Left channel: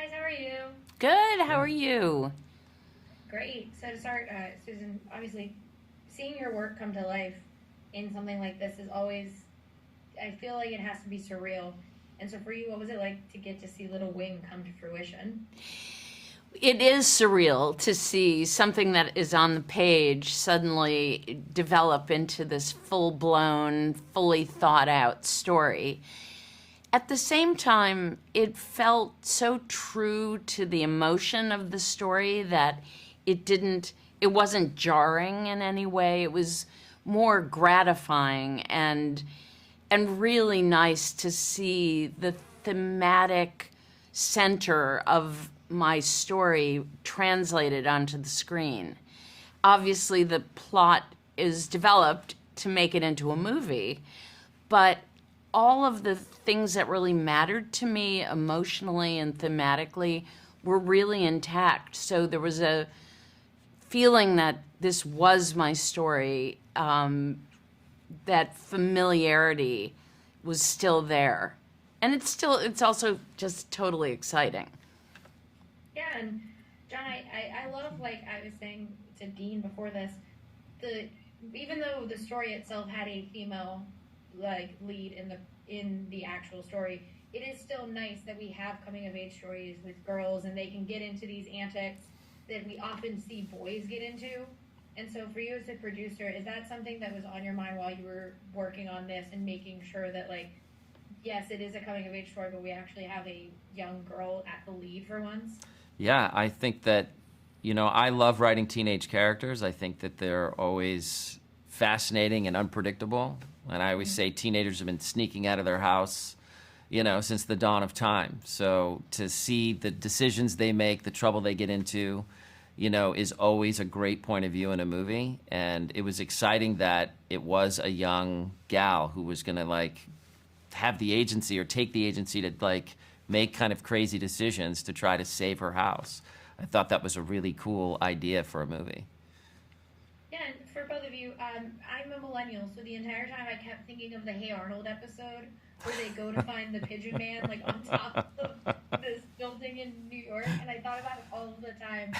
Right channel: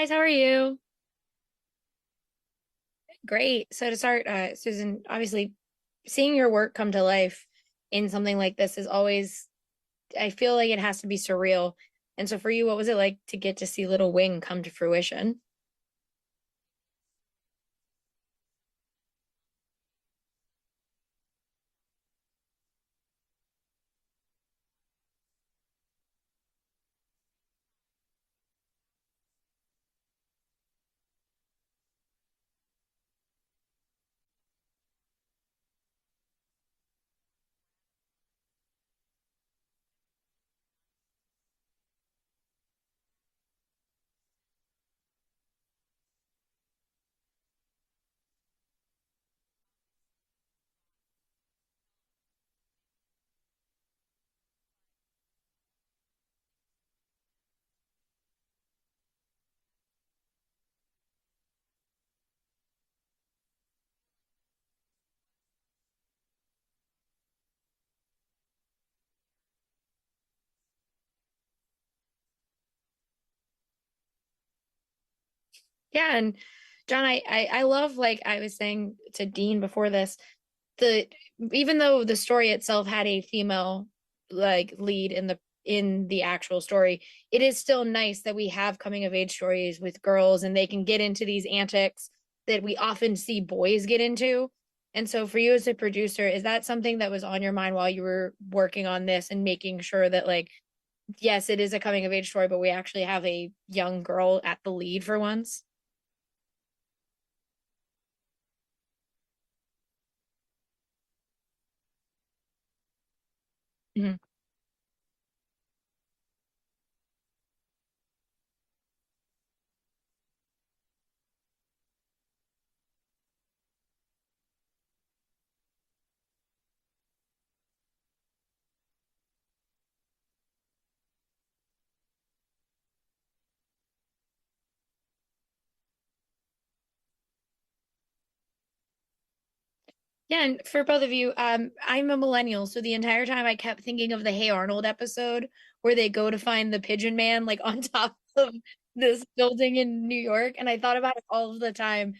guys, how are you? Good. How are you? Great. So to start, Susan, obviously seeing your work come to life in something like this is always, I feel like it has to be surreal. And so for you, what was it like to get to see Little Wing come to fruition? It is surreal to see something that is on the page suddenly develop into this full blown, fully thought out story. At the same time, it felt so true to the emotion of the story that it wasn't jarring in any way. It was more gratifying and really nice to see the thematic center of my story translated onto the screen. Obviously, the plot is developed to make it into a movie, but all of the things that really mattered to me emotionally and thematically were really intact. So there was a feeling that this was my story, that familiarity was still there. And it's also just totally exciting. Yeah, and John, I love, like I was saying to Dean before this, the even though the story itself had a female like lead in the actual story, it is still nice that we have coming of age stories with girls and they can get into these antics that we often see boys get into. And so for you as a producer, is that something that was on your mind while you were working on this and making sure that, like, yes, it is a coming of age story, but we actually have a young girl at the lead for once? Yeah, I think that, I love writing teenage characters. I think that they're always fascinating and unpredictable. And I always say teenagers have been sneaking out of their house, since the dawn of time. So to see the decisions they make, the trouble they get into, is always a great point of view in a movie. And it was exciting that it was a young gal who was going to, like, have the agency or take the agency to, like, make kind of crazy decisions to try to save her house. I thought that was a really cool idea for a movie. Yeah, and for both of you, I'm a millennial, so the entire time I kept thinking of the Hey Arnold episode where they go to find the Pigeon Man, like on top of this building in New York, and I thought about it all of the time.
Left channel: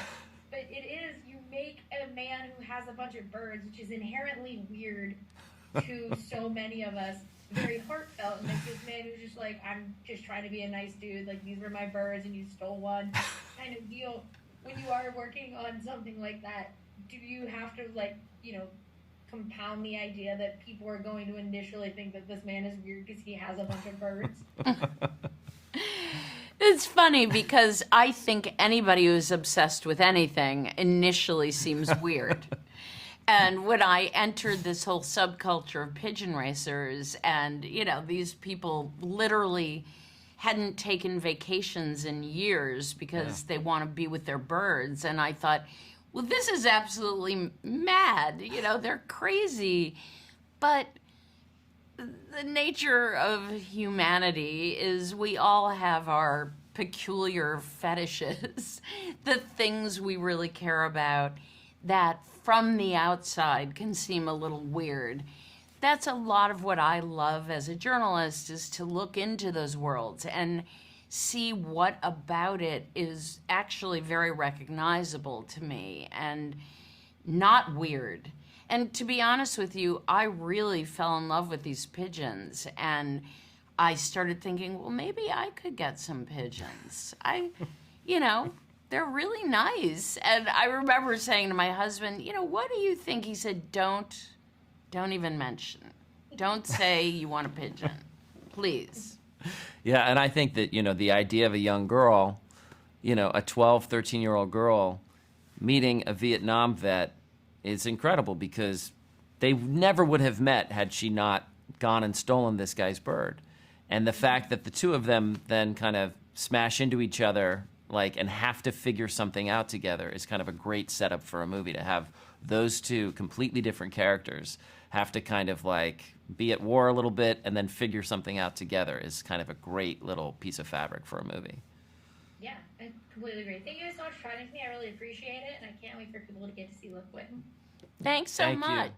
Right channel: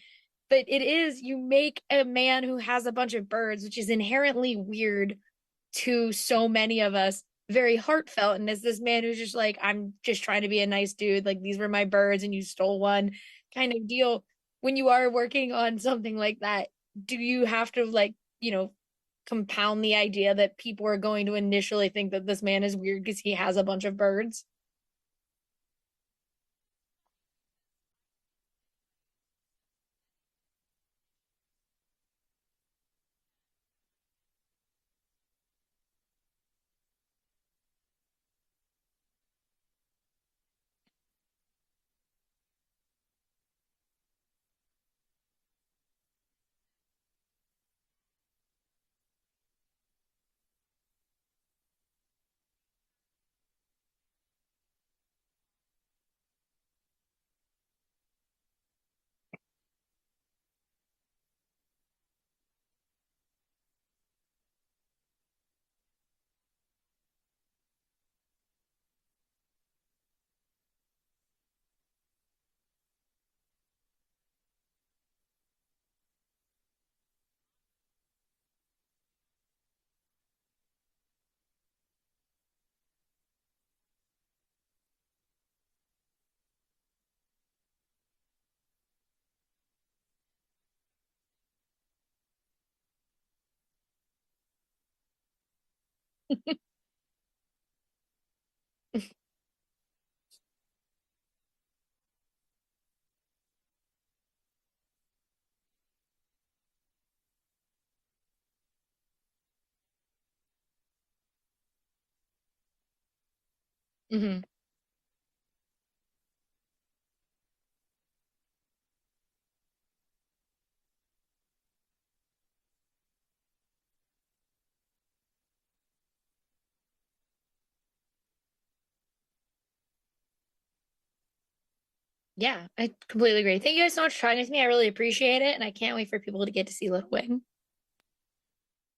But it is, you make a man who has a bunch of birds, which is inherently weird to so many of us, very heartfelt. And it's this man who's just like, I'm just trying to be a nice dude. Like, these were my birds and you stole one kind of deal. When you are working on something like that, do you have to, like, compound the idea that people are going to initially think that this man is weird because he has a bunch of birds? It's funny because I think anybody who's obsessed with anything initially seems weird. And when I entered this whole subculture of pigeon racers, and, these people literally hadn't taken vacations in years because they want to be with their birds. And I thought, well, this is absolutely mad. They're crazy. But the nature of humanity is we all have our peculiar fetishes, the things we really care about that from the outside can seem a little weird. That's a lot of what I love as a journalist, is to look into those worlds and see what about it is actually very recognizable to me and not weird. And to be honest with you, I really fell in love with these pigeons, and I started thinking, well, maybe I could get some pigeons. You know, they're really nice. And I remember saying to my husband, what do you think? He said, don't even mention. Don't say you want a pigeon, please. Yeah, and I think that, the idea of a young girl, a 12, 13-year-old girl meeting a Vietnam vet is incredible, because they never would have met had she not gone and stolen this guy's bird. And the fact that the two of them then kind of smash into each other, like, and have to figure something out together is kind of a great setup for a movie, to have those two completely different characters have to kind of, like, be at war a little bit and then figure something out together is kind of a great little piece of fabric for a movie. Yeah, I completely agree. Thank you guys so much for talking with me. I really appreciate it, and I can't wait for people to get to see Little Wing. Thanks so Thank you. much.